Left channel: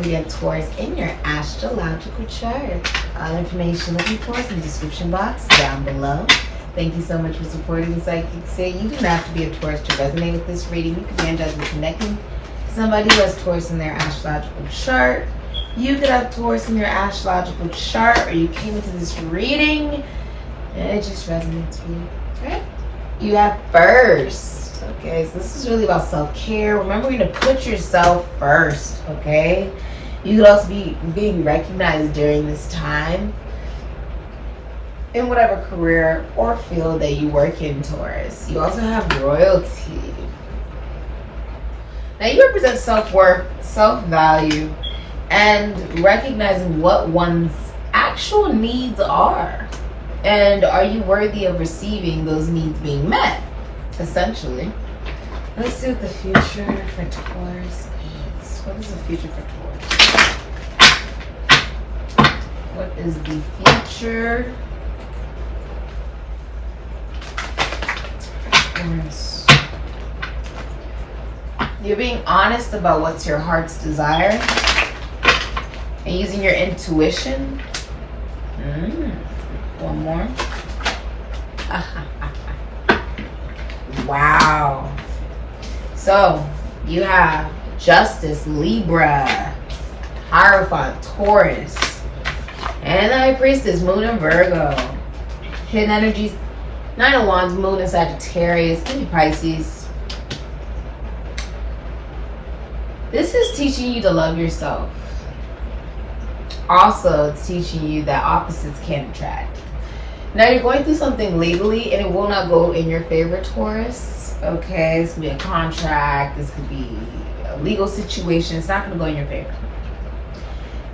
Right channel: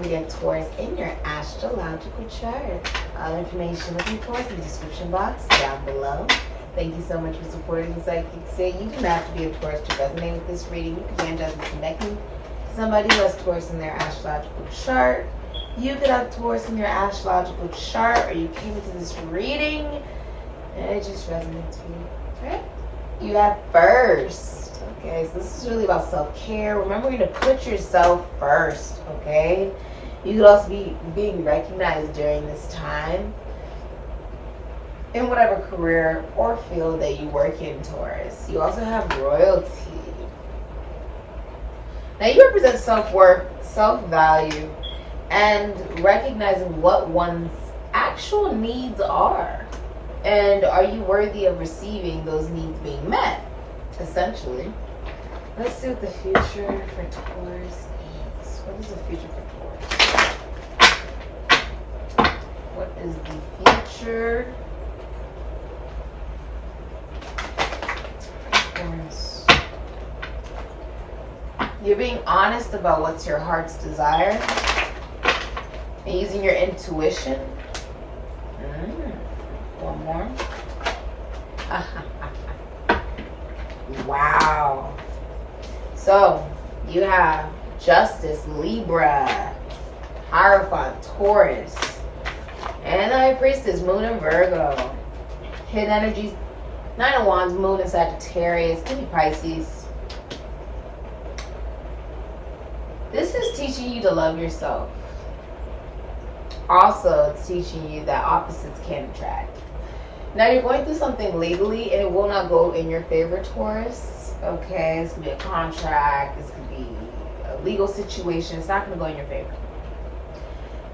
zodiac Taurus in your astrological chart. All information looking for is in the description box down below. Thank you so much for supporting Sikiksyd. You do not have to be a Taurus to resonate with this reading. You could be angelic connecting to somebody who has Taurus in their astrological chart. You could have Taurus in your astrological chart, or you came into this reading and it just resonates with you. Right? You have first. Okay, so this is really about self-care. Remember to put yourself first, okay? You could also be being recognized during this time in whatever career or field that you work in, Taurus. You also have royalty. Now you represent self-worth, self-value, and recognizing what one's actual needs are. And are you worthy of receiving those needs being met, essentially? Let's see what the future for Taurus is. What is the future for Taurus? What is the future for Taurus? You're being honest about what's your heart's desire and using your intuition. One more. Wow. So you have Justice, Libra, Hierophant, Taurus, and the High Priestess, Moon and Virgo. Hidden energies, Nine of Wands, Moon and Sagittarius, could be Pisces. This is teaching you to love yourself. Also, it's teaching you that opposites can attract. Now, you're going through something legally, and it will not go in your favor, Taurus. Okay, this could be a contract. This could be a legal situation. It's not going to go in your favor.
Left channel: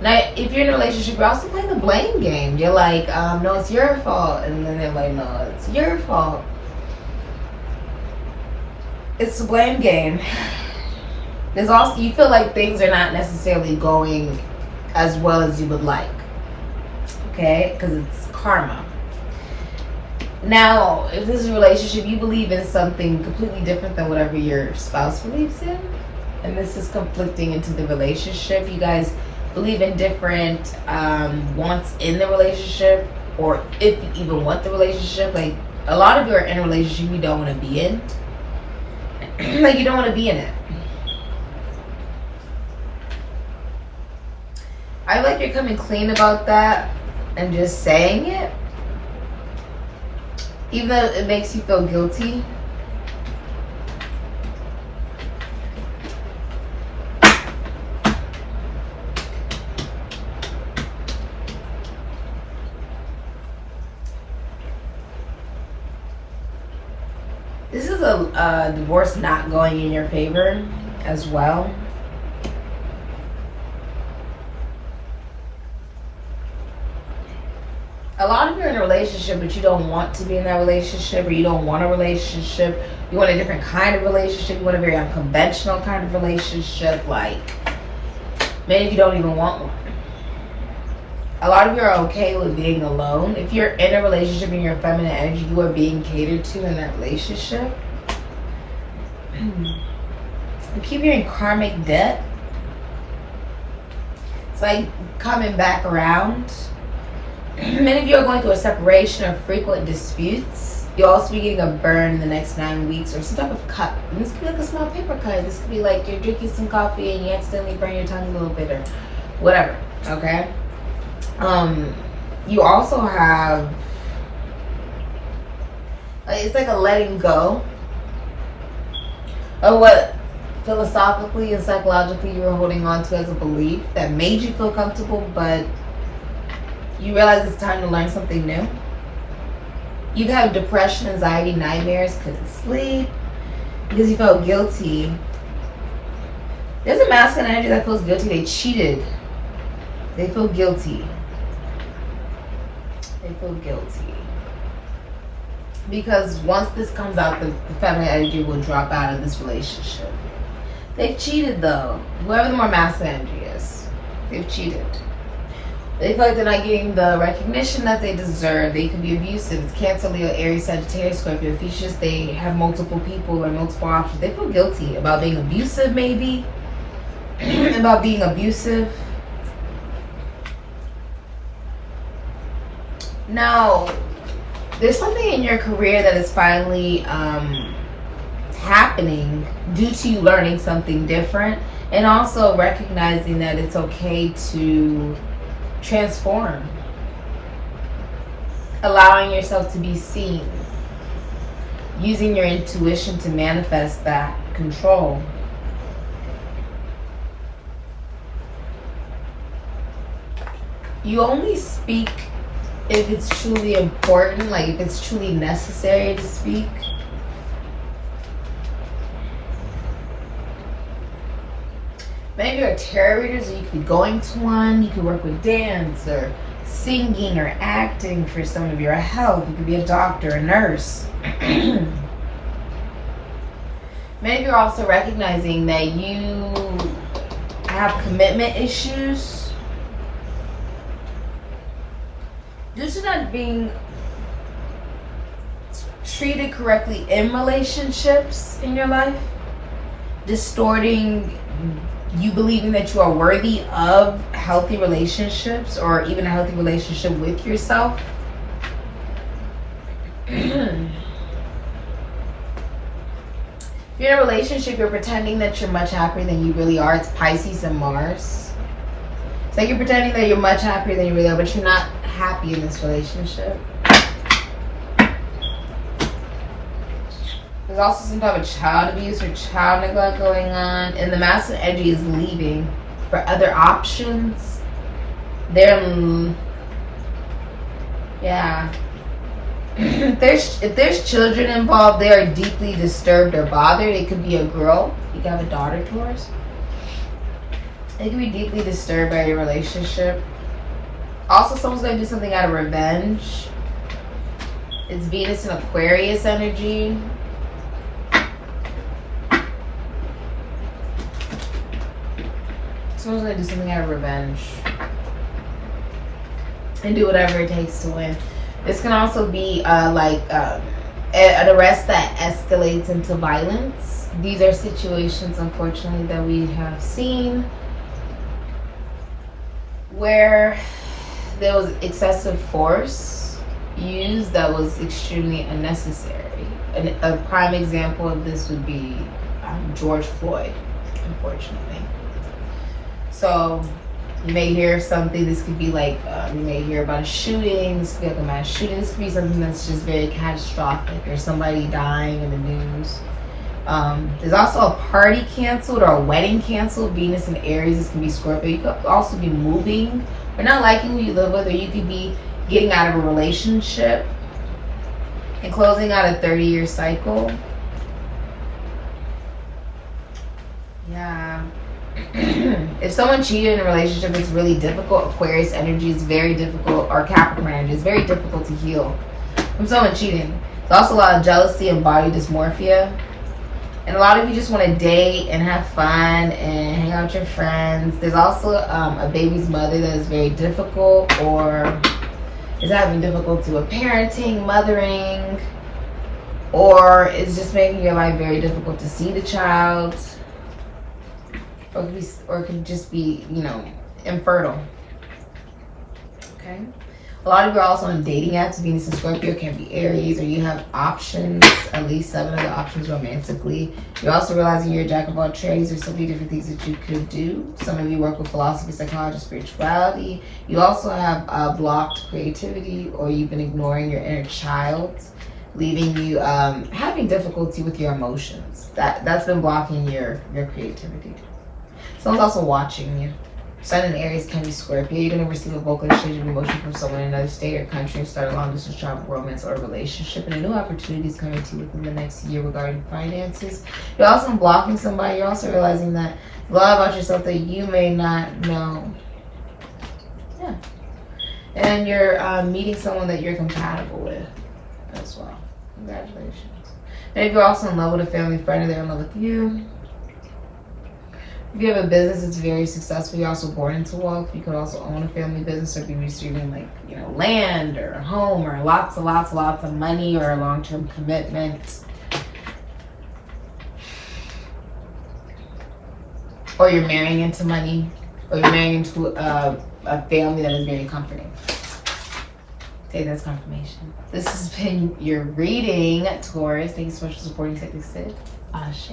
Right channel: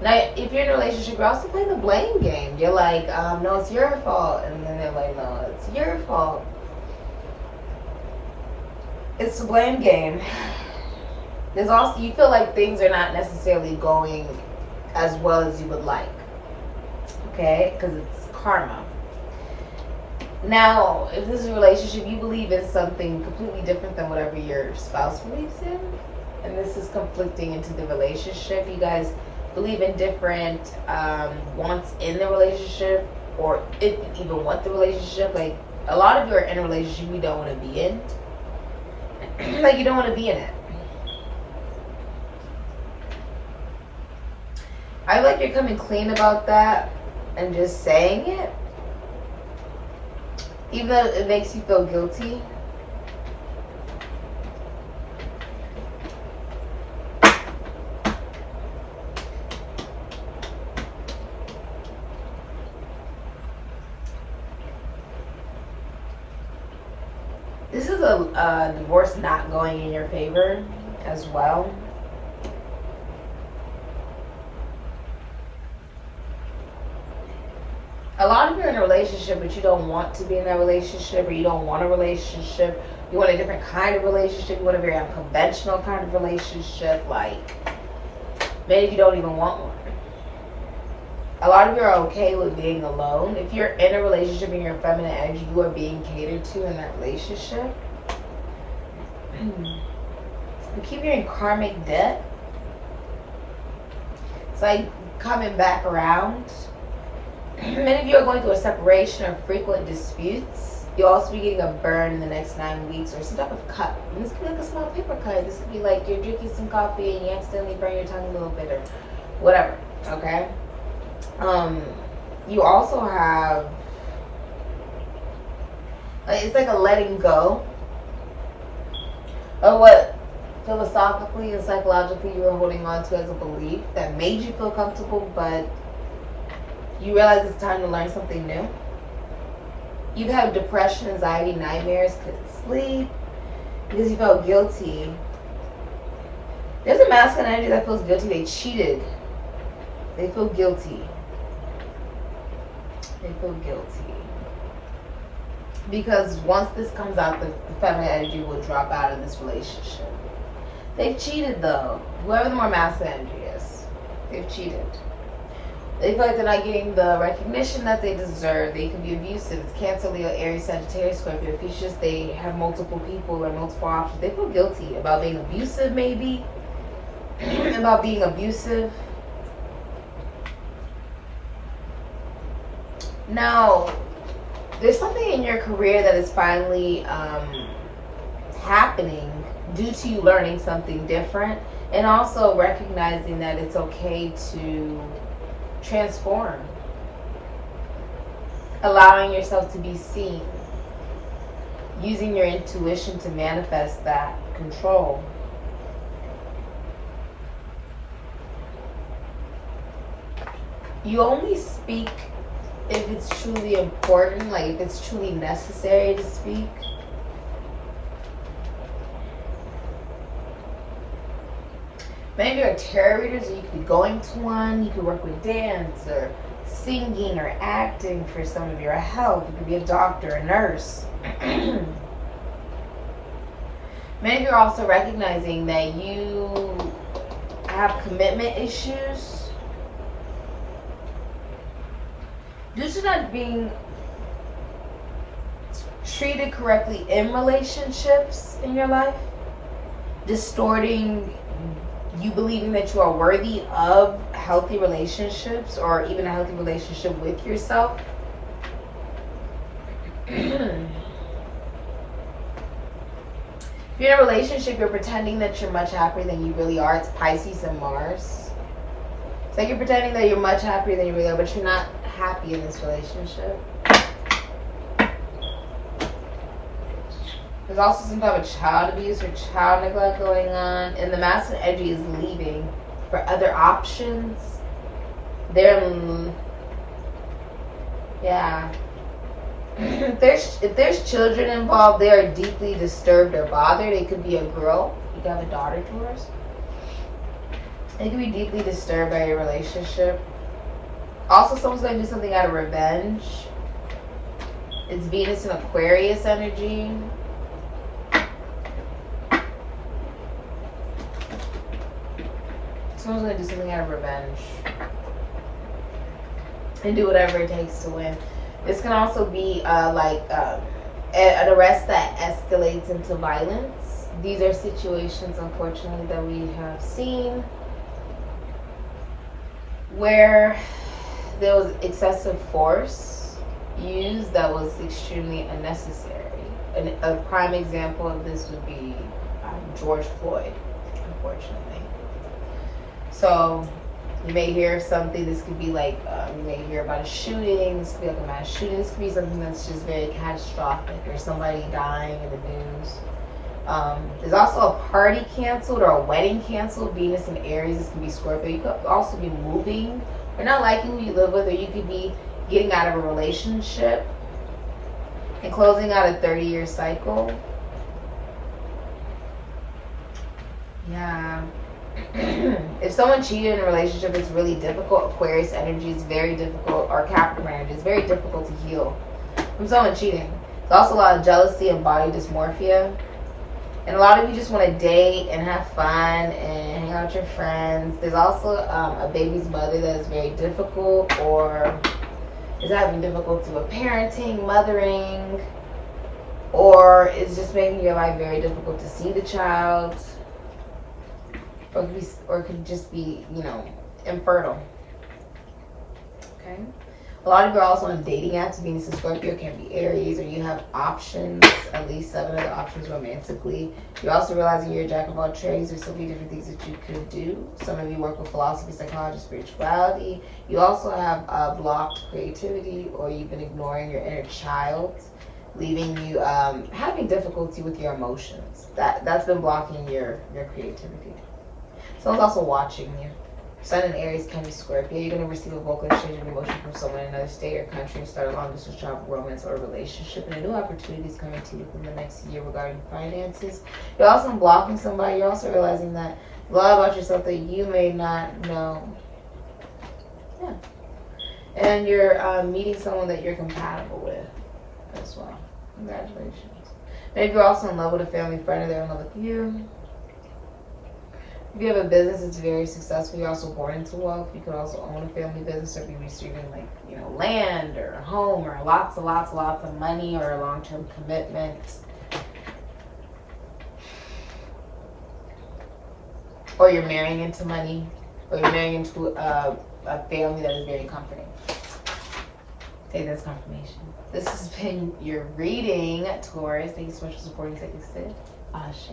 Now, if you're in a relationship, you're also playing the blame game. You're like, no, it's your fault. And then they're like, no, it's your fault. It's the blame game. There's also, you feel like things are not necessarily going as well as you would like. Okay? Because it's karma. Now, if this is a relationship, you believe in something completely different than whatever your spouse believes in, and this is conflicting into the relationship. You guys believe in different wants in the relationship, or if you even want the relationship. Like, a lot of you are in a relationship you don't want to be in. Like, you don't want to be in it. I like you're coming clean about that and just saying it. Even though it makes you feel guilty. This is a divorce not going in your favor as well. A lot of you are in a relationship, but you don't want to be in that relationship, or you don't want a relationship. You want a different kind of relationship. You want a very unconventional kind of relationship. Like, maybe you don't even want one. A lot of you are okay with being alone. If you're in a relationship in your feminine energy, you are being catered to in that relationship. I keep hearing karmic debt. It's like coming back around. Many of you are going through a separation or frequent disputes. You'll also be getting a burn in the next 9 weeks, or some type of cut. And this could be like a small paper cut. This could be like you're drinking some coffee and you accidentally burn your tongue a little bit, or whatever. Okay. You also have, like, it's like a letting go of what philosophically and psychologically you were holding on to as a belief that made you feel comfortable, but you realize it's time to learn something new. You've had depression, anxiety, nightmares, couldn't sleep because you felt guilty. There's a masculine energy that feels guilty. They cheated. They feel guilty. They feel guilty. Because once this comes out, the feminine energy will drop out of this relationship. They've cheated, though. Whoever the more masculine energy is, they've cheated. They feel like they're not getting the recognition that they deserve. They can be abusive. It's Cancer, Leo, Aries, Sagittarius, Scorpio, Pisces. They have multiple people or multiple options. They feel guilty about being abusive, maybe. about being abusive. Now, there's something in your career that is finally happening due to you learning something different, and also recognizing that it's okay to transform, allowing yourself to be seen, using your intuition to manifest that control. You only speak if it's truly important, like if it's truly necessary to speak. Maybe you're a tarot reader, so you could be going to one. You could work with dance or singing or acting for some of your health. You could be a doctor, a nurse. Maybe you're also recognizing that you have commitment issues due to not being treated correctly in relationships in your life, distorting you believing that you are worthy of healthy relationships or even a healthy relationship with yourself. If you're in a relationship, you're pretending that you're much happier than you really are. It's Pisces and Mars. It's like you're pretending that you're much happier than you really are, but you're not happy in this relationship. There's also some type of child abuse or child neglect going on, and the masculine energy is leaving for other options. Yeah. If there's children involved, they are deeply disturbed or bothered. It could be a girl. You can have a daughter, Taurus. It could be deeply disturbed by your relationship. Also, someone's going to do something out of revenge. It's Venus and Aquarius energy. Someone's going to do something out of revenge and do whatever it takes to win. This can also be an arrest that escalates into violence. These are situations, unfortunately, that we have seen where there was excessive force used that was extremely unnecessary. A prime example of this would be George Floyd, unfortunately. So you may hear something, this could be like, you may hear about a shooting, this could be like a mass shooting, this could be something that's just very catastrophic, or somebody dying in the news. There's also a party canceled or a wedding canceled, Venus and Aries, this can be Scorpio. You could also be moving or not liking who you live with, or you could be getting out of a relationship and closing out a 30-year cycle. Yeah. If someone cheated in a relationship, it's really difficult. Aquarius energy is very difficult, or Capricorn energy is very difficult to heal from someone cheating. There's also a lot of jealousy and body dysmorphia. And a lot of you just want to date and have fun and hang out with your friends. There's also a baby's mother that is very difficult, or is having difficulty with parenting, mothering, or is just making your life very difficult to see the child. Or it could just be, infertile. Okay? A lot of you are also on dating apps. Venus and Scorpio can be Aries, or you have options, at least 7 other options romantically. You're also realizing you're a jack of all trades. There's so many different things that you could do. Some of you work with philosophy, psychology, spirituality. You also have blocked creativity, or you've been ignoring your inner child, leaving you having difficulty with your emotions. That's been blocking your creativity. Someone's also watching you. Sun in Aries can be Scorpio. You're going to receive a vocal exchange of emotion from someone in another state or country and start a long-distance travel, romance, or relationship. And a new opportunity is coming to you within the next year regarding finances. You're also blocking somebody. You're also realizing that a lot about yourself that you may not know. Yeah. And you're meeting someone that you're compatible with as well. Congratulations. Maybe you're also in love with a family friend, or they're in love with you. If you have a business that's very successful, you're also born into wealth. You could also own a family business, or be receiving land or a home, or lots of money, or a long-term commitment. Or you're marrying into money, or you're marrying into a family that is very comforting. Take that as confirmation. This has been your reading, Taurus. Thank you so much for supporting Sikiksyd. Ashe.